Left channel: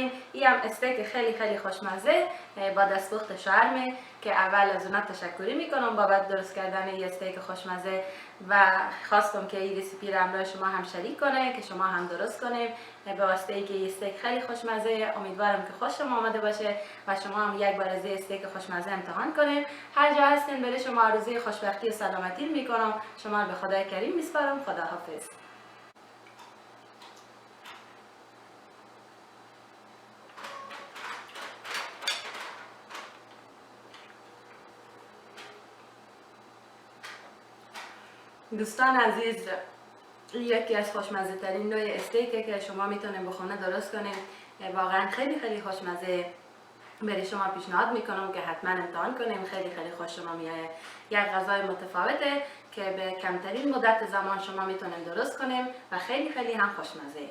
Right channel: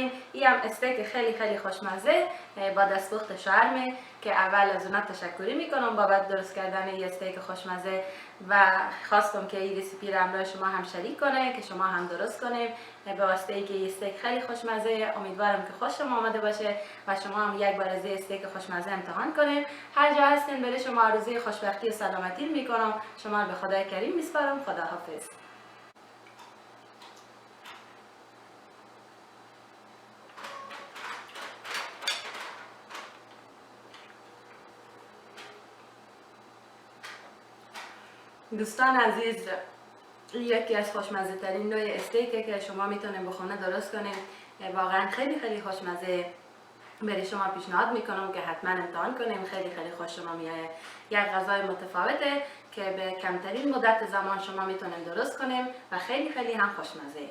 کنیم. این هم استیک خیلی خوشمزه با دستپخت شوهرم که اول از اونها تشکری میکنم بابت درست کردن این استیک خوشمزه و خواستم که این رسیپی رو همراه شما هم شریک کنه که شما هم درست کنیم به واسطه اینکه این استیک خیلی خوشمزه. امیدوارم که خوشم آمده باشه و شما هم یک بار از این استیک خوشمزه امتحان کنیم. هر جا هستین برای شما آرزوی خوشبختی و سلامتی میکنم. شما رو به خدای کریم میسپارم. خداحافظ. دوستان عزیز، یکی از خوشمزه ترین نوع استیکه که شما میتونید به خونه درست کنید. واقعا خیلی خوشمزه. برای شما پیشنهاد میکنم که حتما امتحان کنیم. خیلی خوش شما میایه. یک غذای متفاوته که به کمترین مدت زمان شما میتونید درست کنیم و خیلی هم خوشمزه.